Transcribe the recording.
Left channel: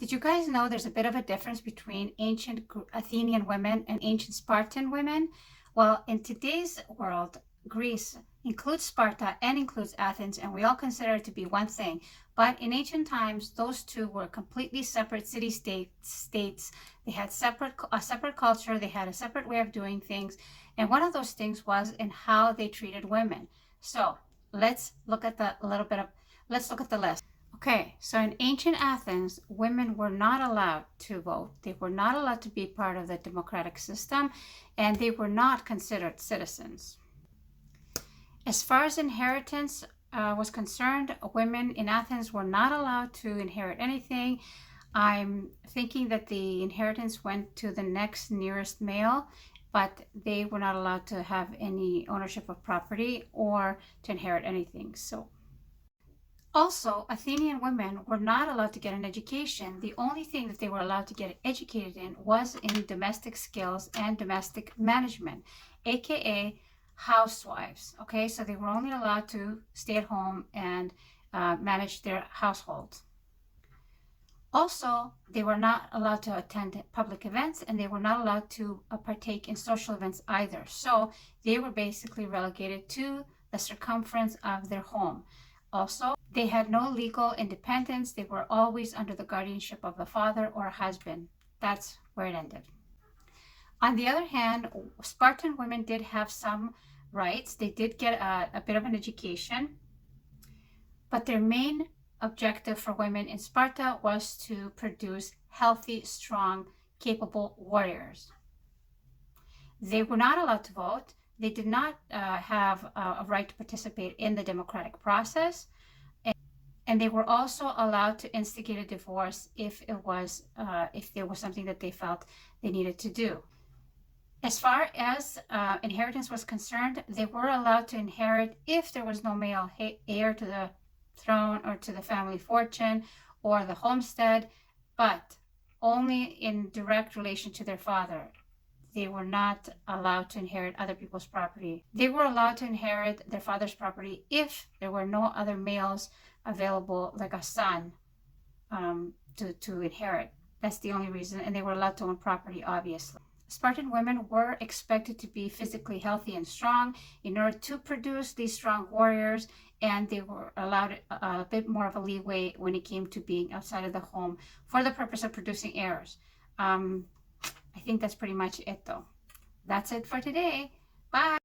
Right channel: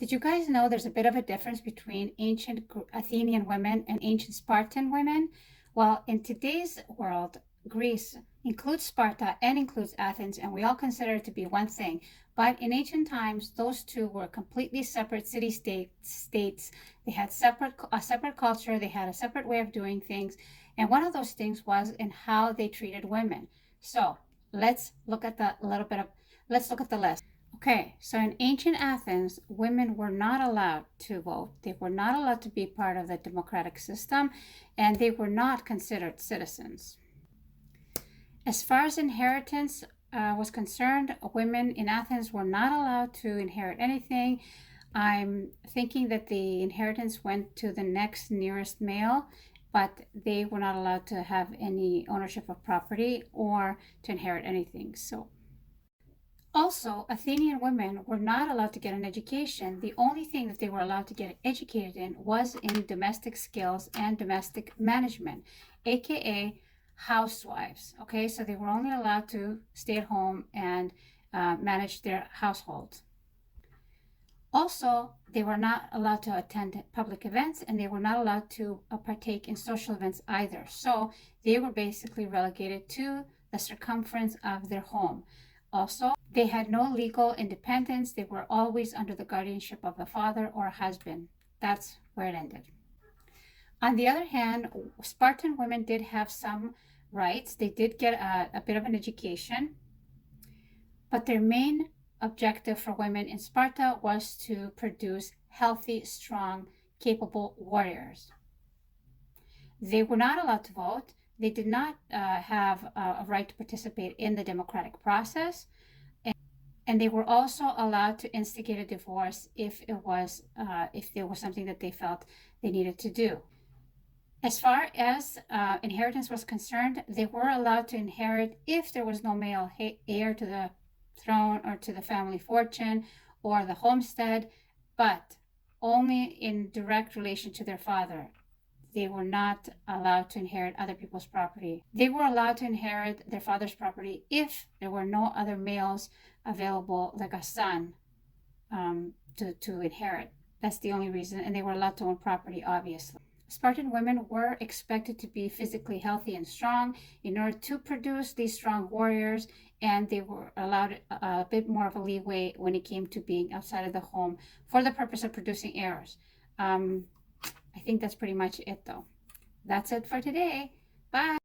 Did you guys know there's a bit of a difference between ancient Athenian women and ancient Spartan women? Well, in today's world, Greece includes Sparta and includes Athens, and we all consider it to be one thing. But in ancient times, those two were completely separate states. They had a separate culture. They had a separate way of doing things, and one of those things was in how they treated women. So let's look at let's look at the list. Okay, so in ancient Athens, women were not allowed to vote. They were not allowed to be part of the democratic system, and they were not considered citizens. As far as inheritance was concerned, women in Athens were not allowed to inherit anything. I'm thinking that the inheritance went to the next nearest male, but they were not allowed to have any ownership of property or to inherit anything. Also, Athenian women were not allowed to get an education. The only thing that they were allowed to get educated in was in domestic skills and domestic management, aka housewives. Okay, so they were only allowed to stay at home and manage their household. Also, they were not allowed to attend public events and they were not allowed to partake in social events either. So they were basically relegated to the circumference of their home. Also, they had no legal independence. They were always under the guardianship of the father or husband. That's where it ended. On the other hand, Spartan women did have some rights. They did get a bit of an education, but their main objective for women in Sparta was to produce healthy, strong, capable warriors. They were not allowed to vote. They did not have a right to participate in the democratic process. And they were also allowed to instigate a divorce if there was something that they felt they needed to do. As far as inheritance was concerned, they were allowed to inherit if there was no male heir to the throne or to the family fortune or the homestead, but only in direct relation to their father. They were not allowed to inherit other people's property. They were allowed to inherit their father's property if there were no other males available, like a son, to inherit. That's the only reason. And they were allowed to own property, obviously. Spartan women were expected to be physically healthy and strong in order to produce these strong warriors, and they were allowed a bit more of a leeway when it came to being outside of the home for the purpose of producing heirs. I think that's pretty much it, though. That's it for today. Bye.